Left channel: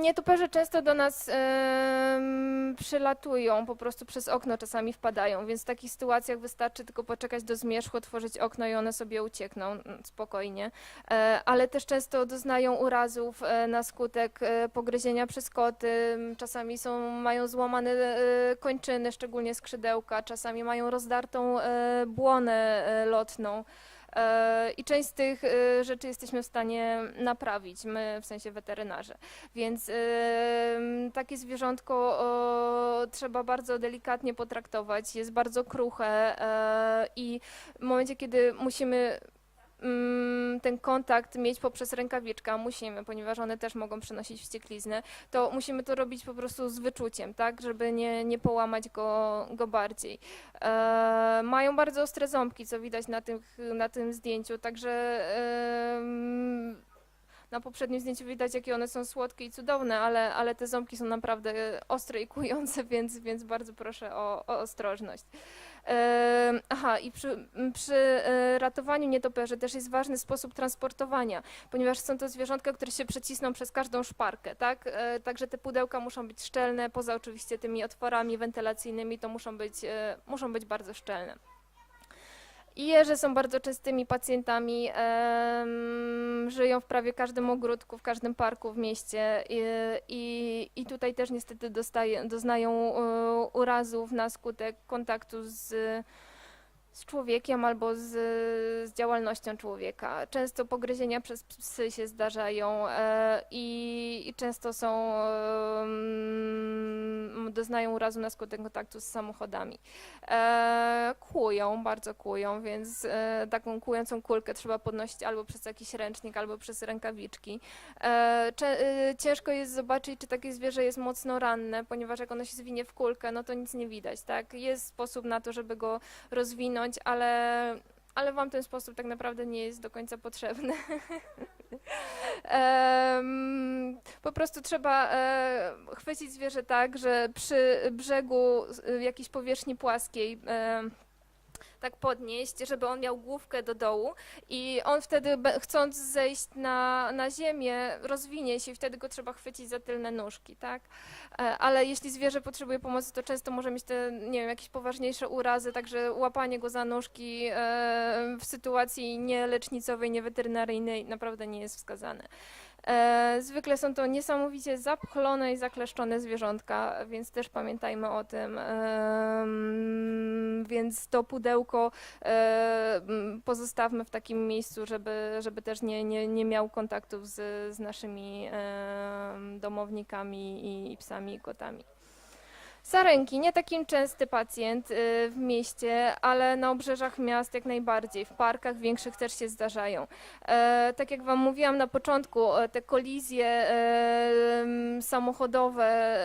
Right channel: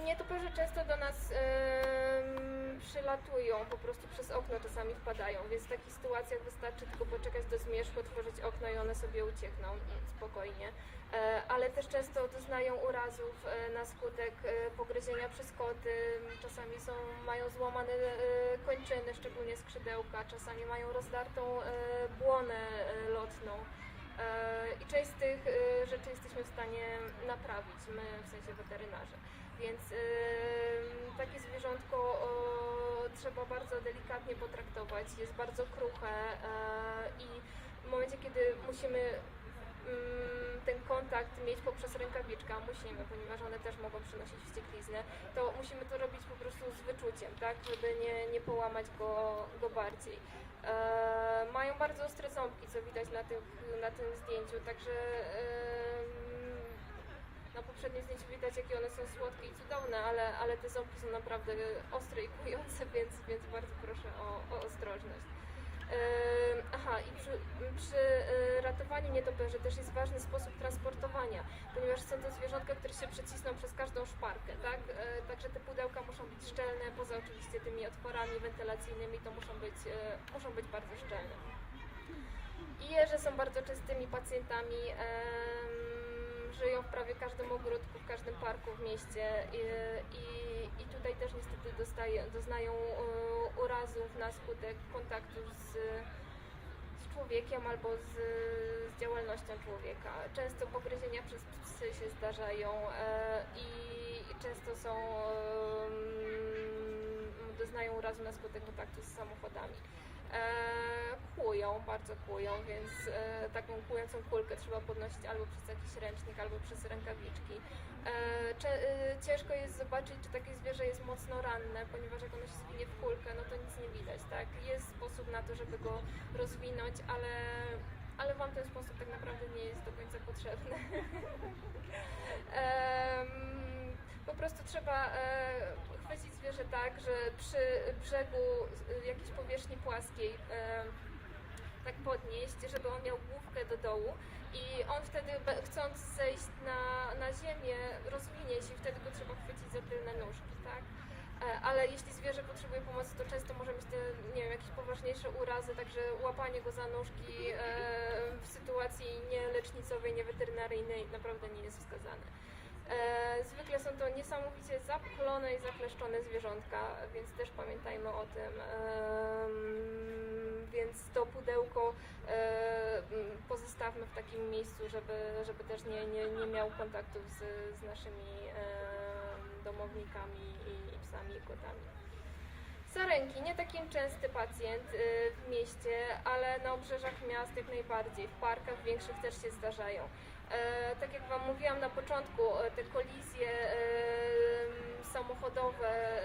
Nietoperze często do nas przylatują, po prostu przez okno czasami wpadają, więc w takich sytuacjach wystarczy tylko poczekać do zmierzchu, otworzyć okno i one sobie uciekną mm, spokojnie. E, ale też często doznają urazów e, na skutek e, pogryzienia przez koty, czasami są, mają złamane kończyny, szczególnie skrzydełka, czasami mają rozdartą e, błonę lotną. E, I część z tych e, rzeczy jesteśmy w stanie naprawić, my w sensie weterynarze. Więc e, takie zwierzątko trzeba bardzo delikatnie potraktować, jest bardzo kruche i w momencie, kiedy musimy mm, ten kontakt mieć poprzez rękawiczkę, musimy, ponieważ one też mogą przynosić wściekliznę, to musimy to robić po prostu z wyczuciem, tak, żeby nie, nie połamać go, go bardziej. E, mają bardzo ostre ząbki, co widać na tym, na tym zdjęciu, także em, na poprzednim zdjęciu widać, jakie one są słodkie i cudowne, ale, ale te ząbki są naprawdę ostre i kujące, więc, więc bardzo proszę o, o ostrożność. Aha, i przy, przy e, ratowaniu nietoperzy też jest ważny sposób transportowania, ponieważ są to zwierzątka, które się przecisną przez każdą szparkę, tak? E, Także te pudełka muszą być szczelne, poza oczywiście tymi otworami wentylacyjnymi, to muszą być, e, muszą być bardzo szczelne. I jeże są bardzo częstymi pacjentami, żyją w prawie każdym ogródku, w każdym parku w mieście i, i, i tutaj też niestety dostaje, doznają e, urazów na skutek kontaktu z, z człowiekiem albo z, z działalnością człowieka. Często pogryzienia przez psy się zdarzają e, i, i często są, em, doznają urazu na skutek kontaktu z samochodami. E, kłują, bardzo kłują, więc e, taką kłującą kulkę trzeba podnosić albo przez jakiś ręcznik, albo przez rękawiczki. E, e, ciężko jest zobaczyć, czy takie zwierzę jest mocno ranne, ponieważ jak ono się zwinie w kulkę, no to nic nie widać, tak? Jest sposób na to, żeby go rozwinąć, ale, ale Wam ten sposób tak naprawdę nie jest do końca potrzebny. Po prostu trzeba e, chwycić zwierzę tak, że przy brzegu e, jakiejś powierzchni płaskiej tak podnieść, żeby on miał główkę do dołu i on wtedy chcąc zejść na, na ziemię rozwinie się i wtedy go trzeba chwycić za tylne nóżki, tak? E, Ale jeśli zwierzę potrzebuje pomocy, to często może mieć te, nie wiem, jakieś poważniejsze urazy, także łapanie go za nóżki e, w sytuacji nie lecznicowej, nie weterynaryjnej naprawdę nie jest wskazane. E, zwykle są to niesamowicie zapchlone i zakleszczone zwierzątka, więc też pamiętajmy o tym. Więc to pudełko e, pozostawmy w takim miejscu, żeby, żeby też nie, nie, nie miał kontaktów z, z naszymi domownikami i psami i kotami. Sarenki, nie taki częsty pacjent y, w mieście, ale na obrzeżach miast jak najbardziej. W parkach większych też się zdarzają. E, tak jak Wam mówiłam na początku, e, te kolizje e, samochodowe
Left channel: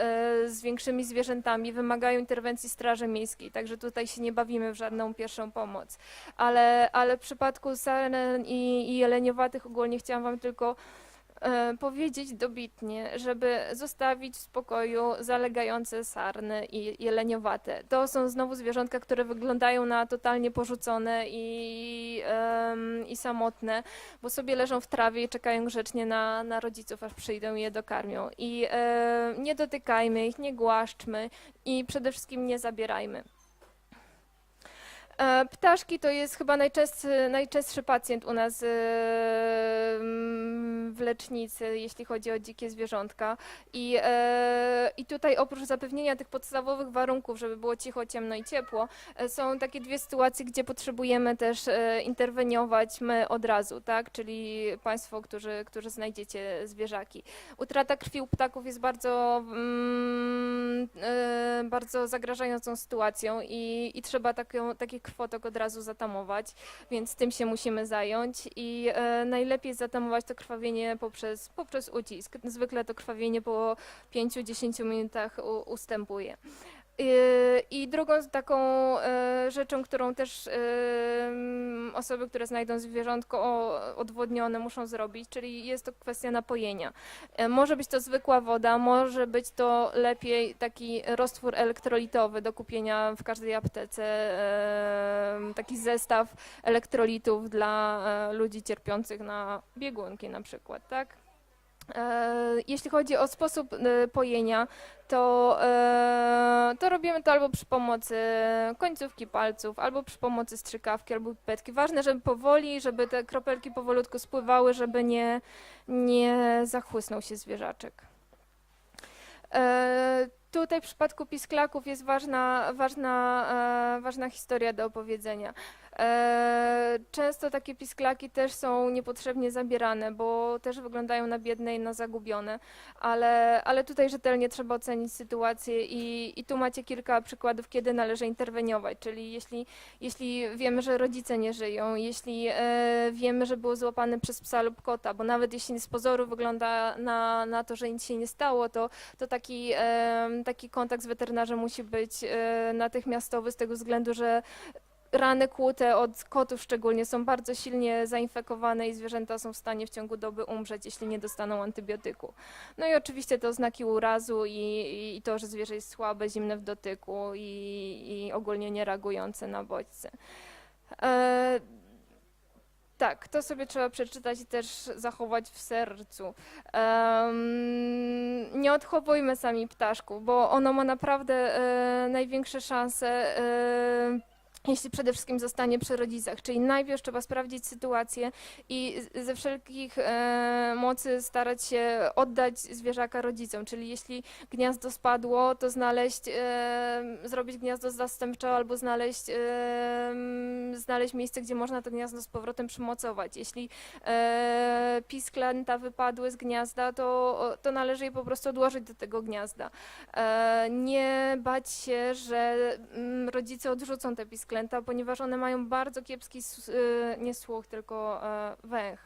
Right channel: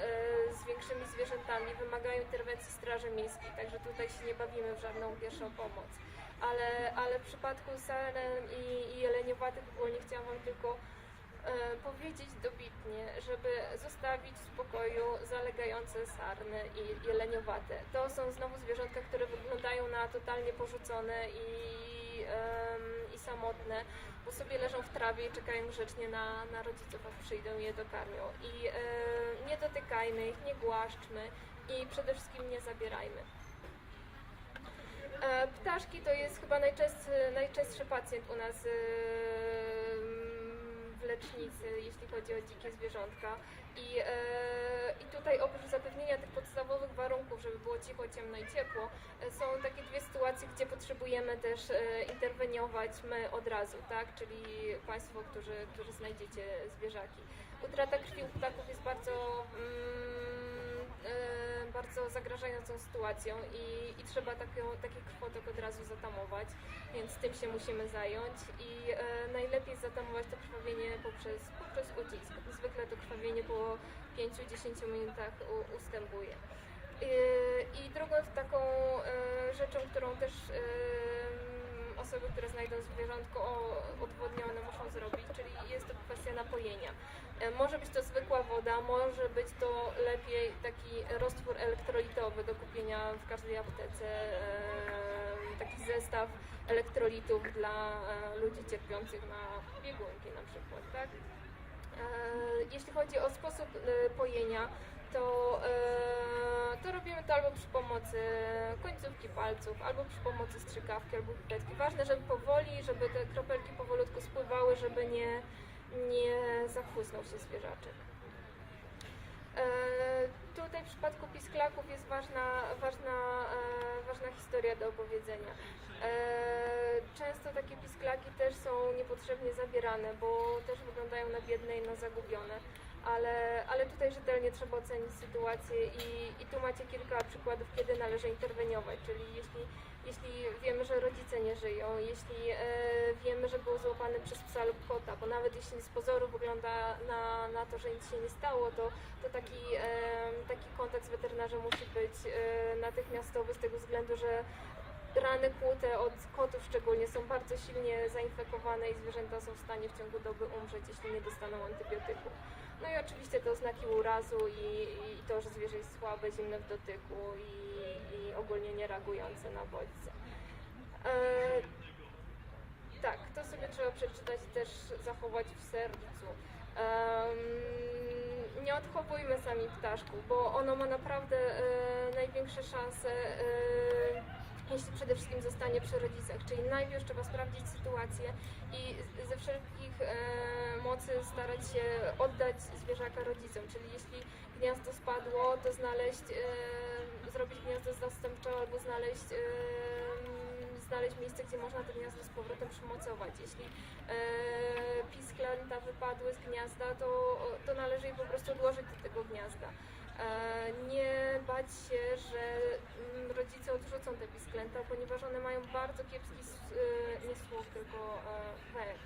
z większymi zwierzętami wymagają interwencji Straży Miejskiej, także tutaj się nie bawimy w żadną pierwszą pomoc. Ale, ale w przypadku saren i, i jeleniowatych ogólnie chciałam Wam tylko powiedzieć dobitnie, żeby zostawić w spokoju zalegające sarny i jeleniowate. To są znowu zwierzątka, które wyglądają na totalnie porzucone i, em, i samotne, bo sobie leżą w trawie i czekają grzecznie na, na rodziców, aż przyjdą i je dokarmią. I e, nie dotykajmy ich, nie głaszczmy i przede wszystkim nie zabierajmy. E, Ptaszki to jest chyba najczęstszy, najczęstszy pacjent u nas e, mm, w lecznicy, jeśli chodzi o dzikie zwierzątka. I, e, I tutaj oprócz zapewnienia tych podstawowych warunków, żeby było cicho, ciemno i ciepło, e, są takie dwie sytuacje, gdzie potrzebujemy też e, interweniować my od razu, tak? Czyli Państwo, którzy, którzy znajdziecie zwierzaki. Utrata krwi u ptaków jest bardzo, mm, e, bardzo zagrażającą sytuacją i, i trzeba taką, taki krwotok od razu zatamować, więc tym się musimy zająć i e, najlepiej zatamować to krwawienie poprzez, poprzez ucisk. Zwykle to krwawienie po 5-10 minutach u, ustępuje. Yy, I drugą taką e, rzeczą, którą też e, m, osoby, które znajdą zwierzątko odwodnione muszą zrobić, czyli jest to kwestia napojenia. E, Może być to zwykła woda, może być to lepiej taki roztwór elektrolitowy do kupienia w każdej aptece, taki zestaw elektrolitów dla e, ludzi cierpiących na biegunki na przykład, tak? E, Jeśli chodzi o sposób pojenia, to, e, to robimy to albo przy pomocy końcówki palców, albo przy pomocy strzykawki, albo pipetki. Ważne, żeby powoli, żeby te kropelki powolutku spływały, żeby nie, nie zachłysnął się zwierzaczek. E, tutaj w przypadku pisklaków jest ważna, ważna, e, ważna historia do opowiedzenia. E, często takie pisklaki też są niepotrzebnie zabierane, bo też wyglądają na biedne i na zagubione. Ale, ale tutaj rzetelnie trzeba ocenić sytuację i, i tu macie kilka przykładów, kiedy należy interweniować. Czyli jeśli, jeśli wiemy, że rodzice nie żyją, jeśli e, wiemy, że było złapane przez psa lub kota, bo nawet jeśli z pozoru wygląda na, na to, że nic się nie stało, to, to taki, e, taki kontakt z weterynarzem musi być natychmiastowy z tego względu, że rany kłute od kotów szczególnie są bardzo silnie zainfekowane i zwierzęta są w stanie w ciągu doby umrzeć, jeśli nie dostaną antybiotyku. No i oczywiście te oznaki urazu i, i to, że zwierzę jest słabe, zimne w dotyku i, i ogólnie nie reagujące na bodźce. E, tak, to sobie trzeba przeczytać i też zachować w sercu. Em, nie odchowujmy sami ptaszków, bo ono ma naprawdę e, największe szanse, e, jeśli przede wszystkim zostanie przy rodzicach. Czyli najpierw trzeba sprawdzić sytuację i ze wszelkich e, mocy starać się oddać zwierzaka rodzicom. Czyli jeśli gniazdo spadło, to znaleźć, e, zrobić gniazdo zastępcze albo znaleźć, e, znaleźć miejsce, gdzie można to gniazdo z powrotem przymocować. Jeśli e, pisklęta wypadły z gniazda, to, to należy je po prostu odłożyć do tego gniazda. E, nie bać się, że rodzice odrzucą te pisklęta, ponieważ one mają bardzo kiepski, y, nie słuch, tylko e, węch.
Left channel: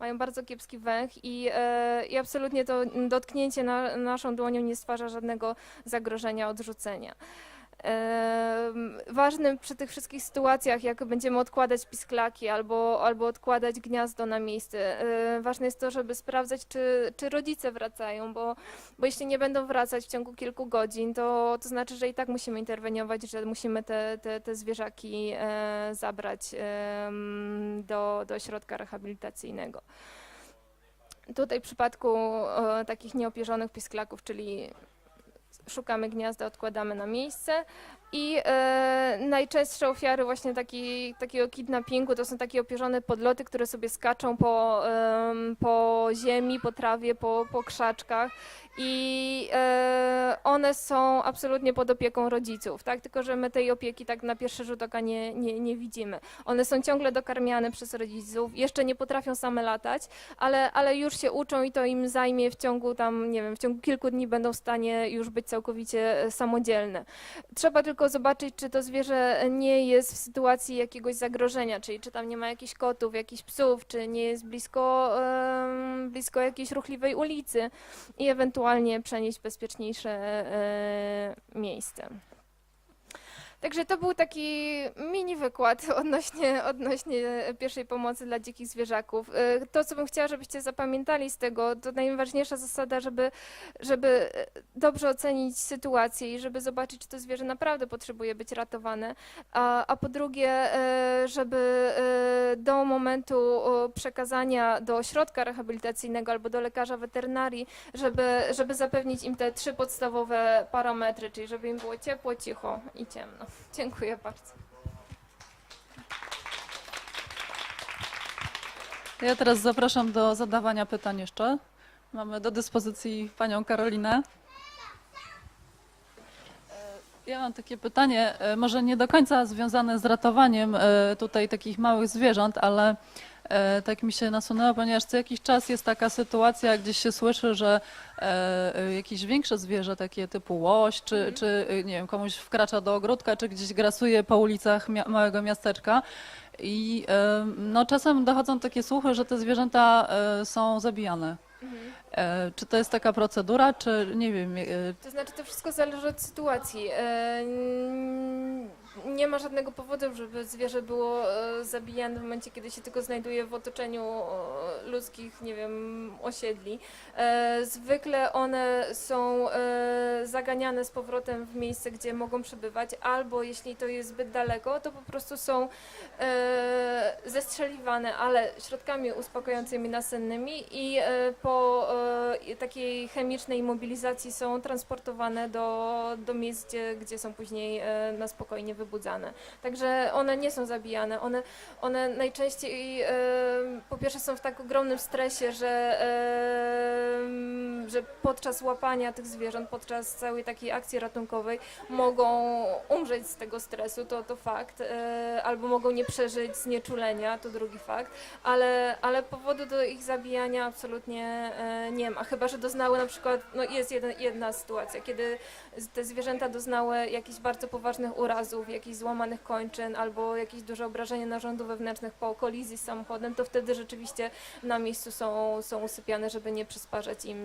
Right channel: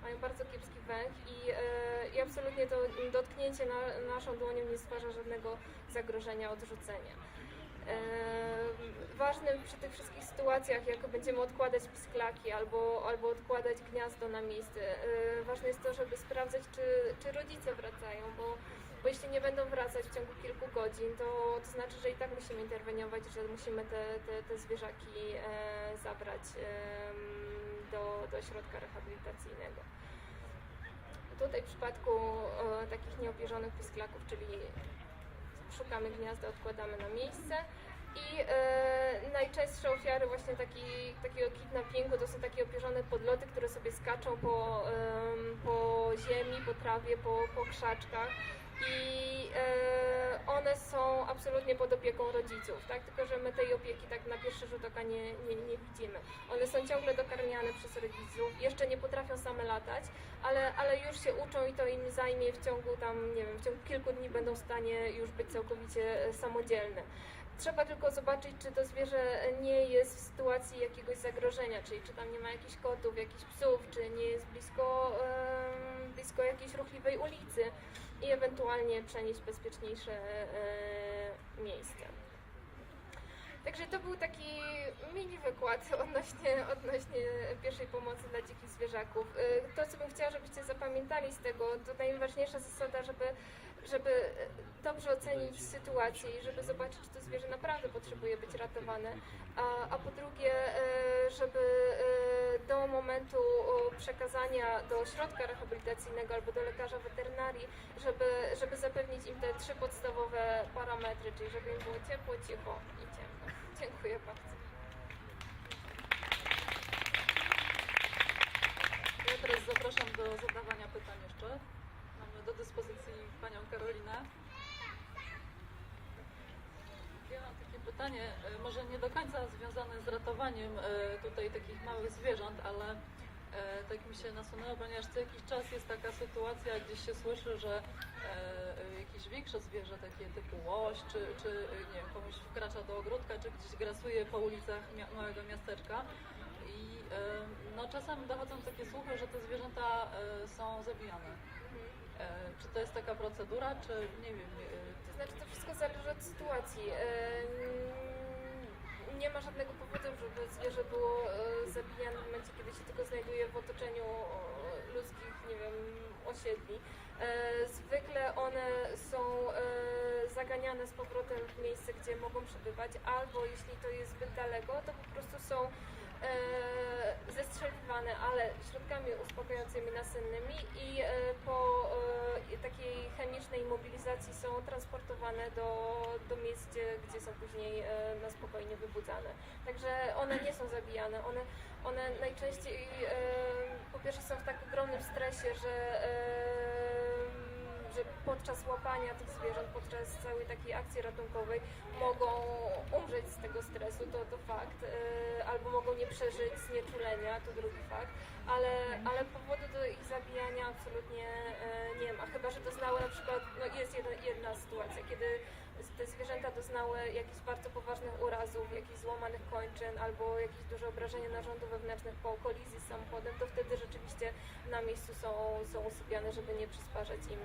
Mają bardzo kiepski węch i, e, i absolutnie to dotknięcie na, naszą dłonią nie stwarza żadnego zagrożenia odrzucenia. Ważnym przy tych wszystkich sytuacjach, jak będziemy odkładać pisklaki albo, albo odkładać gniazdo na miejsce, e, ważne jest to, żeby sprawdzać, czy, czy rodzice wracają, bo, bo jeśli nie będą wracać w ciągu kilku godzin, to, to znaczy, że i tak musimy interweniować, że musimy te, te, te zwierzaki e, zabrać em, do, do ośrodka rehabilitacyjnego. Tutaj w przypadku e, takich nieopierzonych pisklaków, czyli szukamy gniazda, odkładamy na miejsce. I e, najczęstsze ofiary właśnie taki, takiego kidnappingu to są takie opierzone podloty, które sobie skaczą po, em, po ziemi, po trawie, po, po krzaczkach. I e, one są absolutnie pod opieką rodziców, tak? Tylko, że my tej opieki tak na pierwszy rzut oka nie, nie, nie widzimy. One są ciągle dokarmiane przez rodziców, jeszcze nie potrafią same latać, ale, ale już się uczą i to im zajmie w ciągu tam, nie wiem, w ciągu kilku dni będą w stanie już być całkowicie e, samodzielne. Trzeba tylko zobaczyć, czy to zwierzę nie jest w sytuacji jakiegoś zagrożenia, czyli czy tam nie ma jakichś kotów, jakichś psów, czy nie jest blisko, em, blisko jakiejś ruchliwej ulicy i ewentualnie przenieść bezpieczniejsze e, miejsce. Także to był taki mini wykład odnośnie, odnośnie pierwszej pomocy dla dzikich zwierzaków. E, To, co bym chciała, żebyście zapamiętali z tego, to najważniejsza zasada, żeby, żeby dobrze ocenić sytuację i żeby zobaczyć, czy to zwierzę naprawdę potrzebuje być ratowane. A, a po drugie, e, żeby e, do momentu przekazania do ośrodka rehabilitacyjnego albo do lekarza weterynarii, żeby, żeby zapewnić im te trzy podstawowe parametry, czyli żeby im było ciepło, cicho i ciemno. Dziękuję bardzo. Ja teraz zapraszam do zadawania pytań jeszcze. Mamy do dyspozycji panią Karolinę. Ja mam takie pytanie, e, może nie do końca związane z ratowaniem e, tutaj takich małych zwierząt, ale e, tak mi się nasunęło, ponieważ co jakiś czas jest taka sytuacja, gdzieś się słyszy, że e, e, jakieś większe zwierzę, takie typu łoś, czy, czy e, nie wiem, komuś wkracza do ogródka, czy gdzieś grasuje po ulicach mia- małego miasteczka. I e, no, czasem dochodzą takie słuchy, że te zwierzęta e, są zabijane. E, Czy to jest taka procedura, czy nie wiem, e, To znaczy, to wszystko zależy od sytuacji. Nie ma żadnego powodu, żeby zwierzę było e, zabijane w momencie, kiedy się tylko znajduje w otoczeniu ludzkich, nie wiem, osiedli. E, Zwykle one są e, zaganiane z powrotem w miejsce, gdzie mogą przebywać, albo jeśli to jest zbyt daleko, to po prostu są e, zestrzeliwane, ale środkami uspokajającymi nasennymi i e, po, i takiej chemicznej mobilizacji są transportowane do, do miejsc, gdzie, gdzie są później e, na spokojnie wybudzane. Także one nie są zabijane. One, one najczęściej e, po pierwsze są w tak ogromnym stresie, że, e, że podczas łapania tych zwierząt, podczas całej takiej akcji ratunkowej mogą umrzeć z tego stresu, to, to fakt, e, albo mogą nie przeżyć znieczulenia, to drugi fakt, ale, ale powodu do ich zabijania absolutnie e, nie ma, chyba że doznały na przykład, no jest jedna, jedna sytuacja, kiedy te zwierzęta doznały jakichś bardzo poważnych urazów, jakichś złamanych kończyn albo jakieś duże obrażenia narządów wewnętrznych po kolizji z samochodem, to wtedy rzeczywiście na miejscu są, są usypiane, żeby nie przysparzać im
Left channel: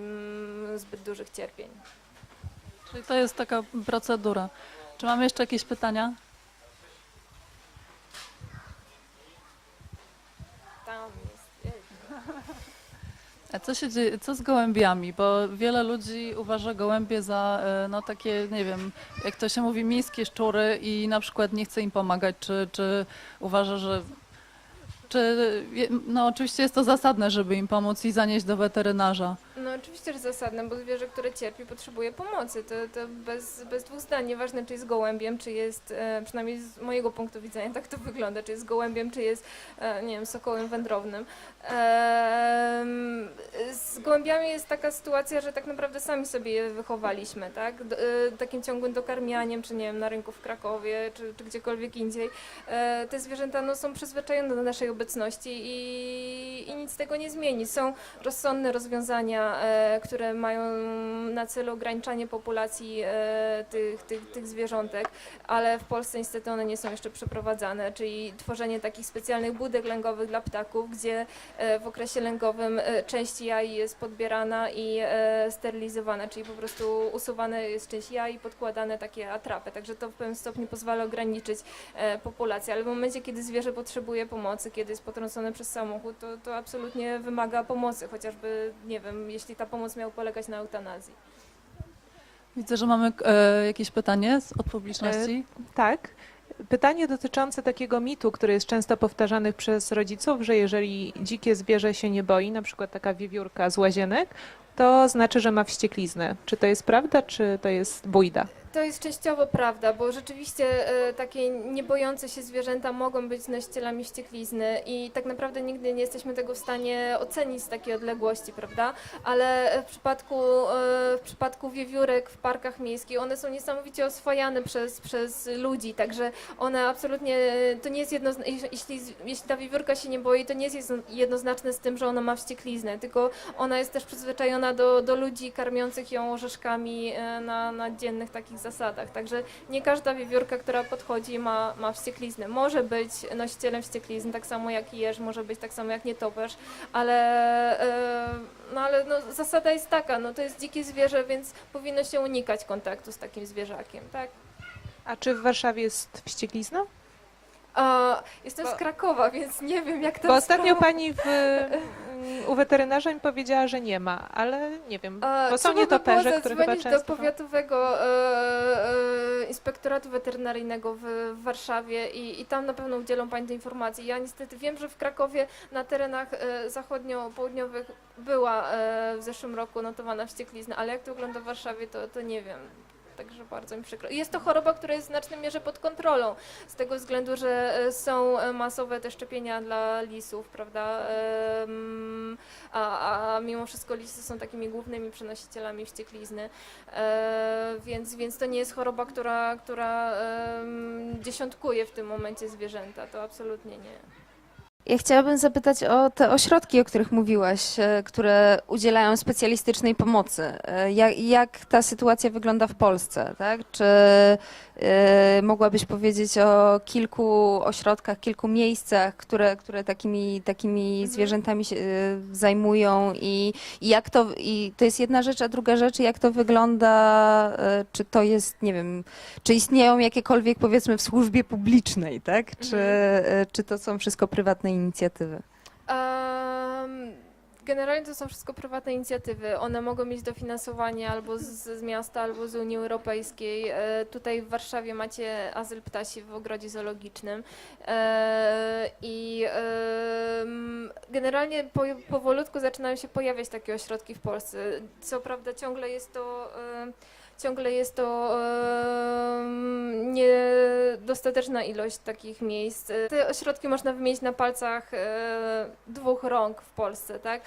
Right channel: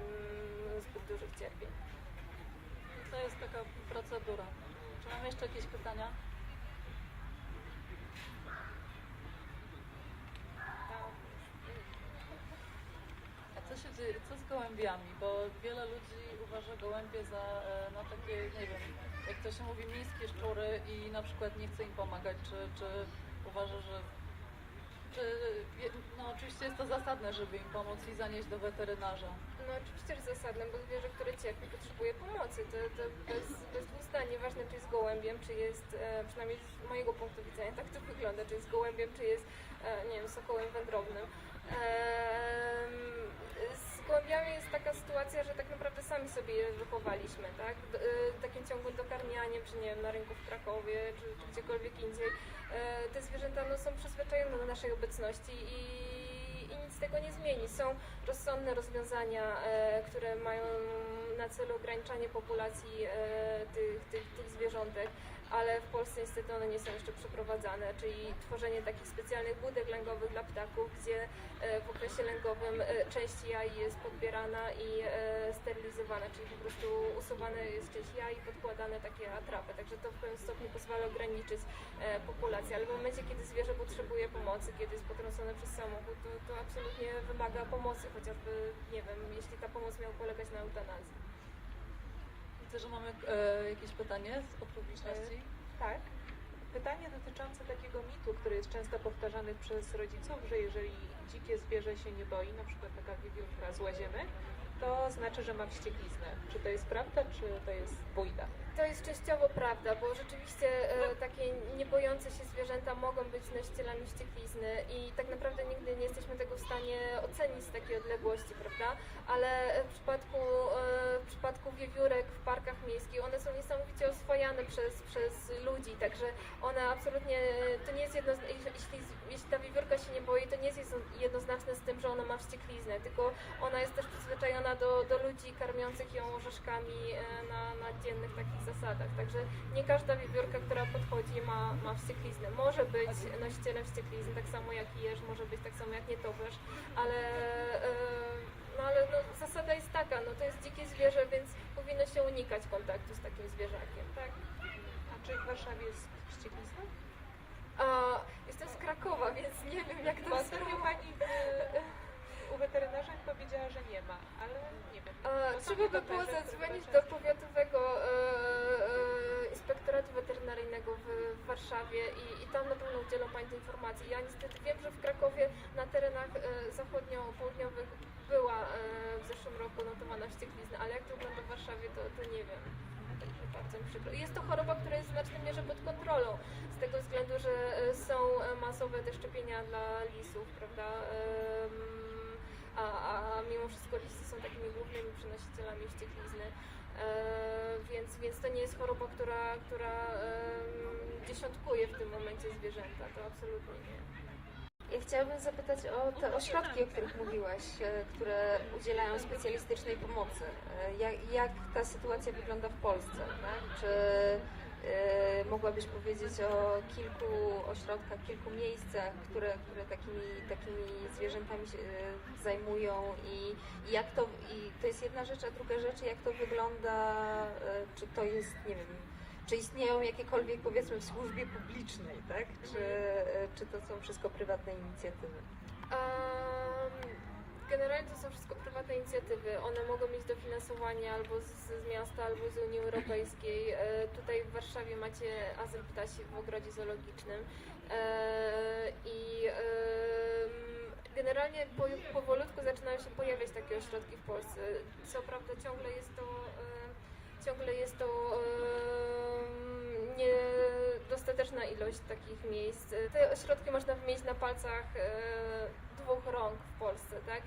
zbyt dużych cierpień. Czyli to jest taka procedura. Czy mamy jeszcze jakieś pytania? Tam jest. A co się dzieje, co z gołębiami? Bo wiele ludzi uważa gołębie za e, no takie, nie wiem, jak to się mówi, miejskie szczury i na przykład nie chce im pomagać, czy, czy uważa, że czy, no oczywiście jest to zasadne, żeby im pomóc i zanieść do weterynarza. No oczywiście, że zasadne, bo zwierzę, które cierpi, potrzebuje pomocy. To, to bez, bez dwóch zdań, nieważne czy jest gołębiem, czy jest, e, przynajmniej z mojego punktu widzenia tak to wygląda, czy jest gołębiem, czy jest, e, nie wiem, sokołem wędrownym. Z gołębiami jest taka sytuacja, że tak naprawdę sami sobie je wychowaliśmy, tak? E, takim ciągłym dokarmianiem, czy nie wiem, na rynku w Krakowie, czy, czy gdziekolwiek indziej. E, te zwierzęta no, są przyzwyczajone do naszej obecności i, i nic tego nie zmieni. Są rozsądne rozwiązania, e, które mają na celu ograniczanie populacji e, tych, tych, tych zwierzątek, ale w Polsce niestety one nie są jeszcze przeprowadzane, czyli tworzenie takich specjalnych budek lęgowych dla ptaków, gdzie e, w okresie lęgowym e, część jaj jest podbierana i e, sterylizowana, czyli po prostu usuwane jest część jaj i podkładane takie atrapy, także to w pewnym stopniu pozwala ograniczyć populację, ale w momencie, kiedy zwierzę potrzebuje pomocy, kiedy jest potrącone przez samochód, to, to absolutnie wymaga pomocy, chociażby, nie wiem, jeśli ta pomoc miała polegać na eutanazji. Widzę, że mamy e, jakieś pytanie z, od publiczności. Tak. Pytanie dotyczące takiego mitu, który jest często powtarzany przez rodziców, że jeżeli dzikie zwierzę się nie boi, na przykład taka wiewiórka z łazienek, to znaczy, że ma wściekliznę. Czy to jest prawda, czy to jest bójda? To jest częściowo prawda, bo rzeczywiście e, takie niebojące się zwierzęta mogą być nosicielami wścieklizny i tak naprawdę nigdy nie jesteśmy tego w stanie ocenić z takiej odległości, prawda? Ale w przypadku, e, w przypadku wiewiórek w parkach miejskich, one są niesamowicie oswajane przez, przez ludzi, także one absolutnie, to nie jest jednoznaczne, jeśli, jeśli ta wiewiórka się nie boi, to nie jest jedno- jednoznaczne z tym, że ona ma wściekliznę, tylko ona jest też przyzwyczajona do, do ludzi karmiących ją orzeszkami e, na, na dziennych takich zasadach. Także nie każda wiewiórka, która podchodzi ma, ma wściekliznę. Może być nosicielem wścieklizny, tak samo jak jeż, może być tak samo jak nietoperz, ale, e, no, ale no, zasada jest taka, no to jest dzikie zwierzę, więc powinno się unikać kontaktu z takim zwierzakiem, tak? A czy w Warszawie jest wścieklizna? Jestem Bo- z Krakowa, więc nie wiem jak to Bo ostatnio pani w, u weterynarza mi powiedziała, że nie ma, ale nie wiem, bo są by nietoperze, było które chyba często... do powiatowego e, e, inspektoratu weterynaryjnego w, w Warszawie i, i tam na pewno udzielą Pani tej informacji. Ja niestety wiem, że w Krakowie na terenach e, zachodnio-południowych była e, w zeszłym roku notowana wścieklizna, ale jak to wygląda w Warszawie, to, to nie wiem. Bardzo mi przykro. Jest to choroba, która jest w znacznej mierze pod kontrolą, z tego względu, że e, są e, masowe te szczepienia dla lisów, prawda? A, a mimo wszystko lisy są takimi głównymi przenosicielami wścieklizny. E, więc, więc to nie jest choroba, która, która dziesiątkuje w tym momencie zwierzęta. To absolutnie nie. Ja chciałabym zapytać o te ośrodki, o których mówiłaś, e, które udzielają specjalistycznej pomocy. E, Jak, jak ta sytuacja wygląda w Polsce? Tak? Czy mogłabyś powiedzieć o kilku ośrodkach, kilku miejscach, które, które takimi, takimi zwierzętami się e, zajmują i, i jak to, i to jest jedna rzecz, a druga rzecz, jak to wygląda, e, czy to jest, nie wiem, czy istnieją jakiekolwiek powiedzmy w służbie publicznej, tak? Czy, Mhm. czy to są wszystko prywatne inicjatywy? Generalnie to są wszystko prywatne inicjatywy. One mogą mieć dofinansowanie albo z, z miasta, albo z Unii Europejskiej. E, tutaj w Warszawie macie azyl ptasi w ogrodzie zoologicznym. E, I em, generalnie po, powolutku zaczynają się pojawiać takie ośrodki w Polsce. Co prawda ciągle jest to. em, Ciągle jest to niedostateczna ilość takich miejsc. Te ośrodki można wymienić na palcach e, dwóch rąk w Polsce, tak? E,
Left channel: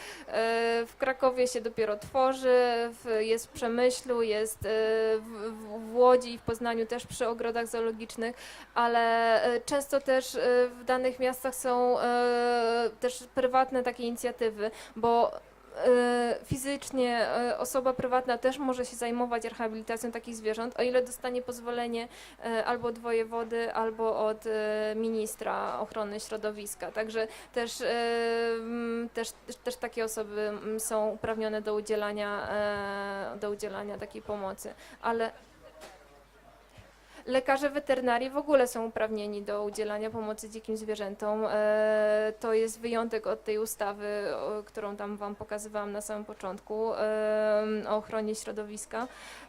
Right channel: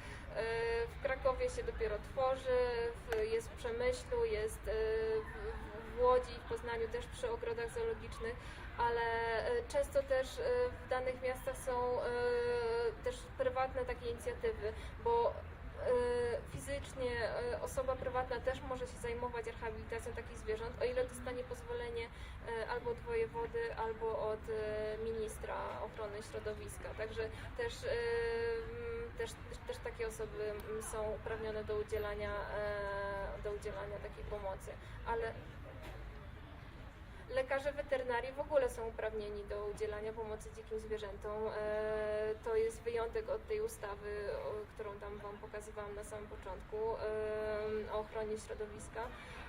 w Krakowie się dopiero tworzy, jest w Przemyślu, jest e, w, Łodzi i w Poznaniu też przy ogrodach zoologicznych, ale często też w danych miastach są też prywatne takie inicjatywy, bo fizycznie e, osoba prywatna też może się zajmować rehabilitacją takich zwierząt, o ile dostanie pozwolenie e, albo od wojewody, albo od e, ministra ochrony środowiska. Także też, e, też, też, takie osoby są uprawnione do udzielania, e, do udzielania takiej pomocy. Ale Lekarze weterynarii w ogóle są uprawnieni do udzielania pomocy dzikim zwierzętom. E, to jest wyjątek od tej ustawy, którą tam Wam pokazywałam na samym początku, o ochronie środowiska,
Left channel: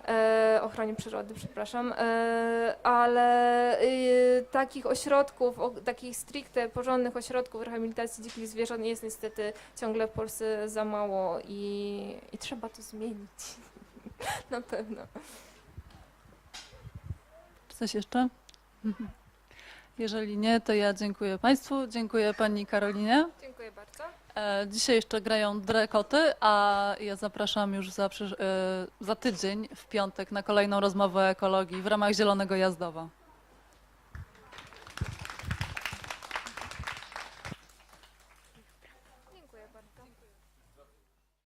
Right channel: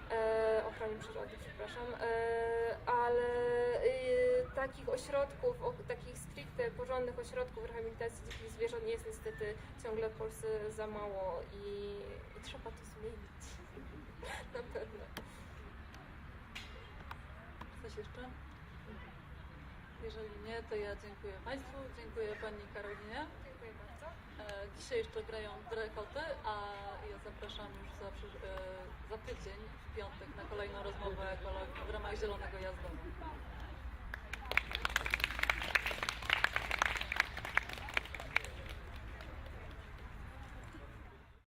e, ochronie przyrody, przepraszam. E, ale y, takich ośrodków, takich stricte porządnych ośrodków rehabilitacji dzikich zwierząt jest niestety ciągle w Polsce za mało i, i trzeba to zmienić. na pewno. Coś jeszcze? Jeżeli nie, to ja dziękuję Państwu, dziękuję Pani Karolinie. Dziękuję bardzo. E, Dzisiaj jeszcze grają Drekoty, a ja zapraszam już za, e, za tydzień w piątek na kolejną rozmowę o ekologii w ramach Zielonego Jazdowa.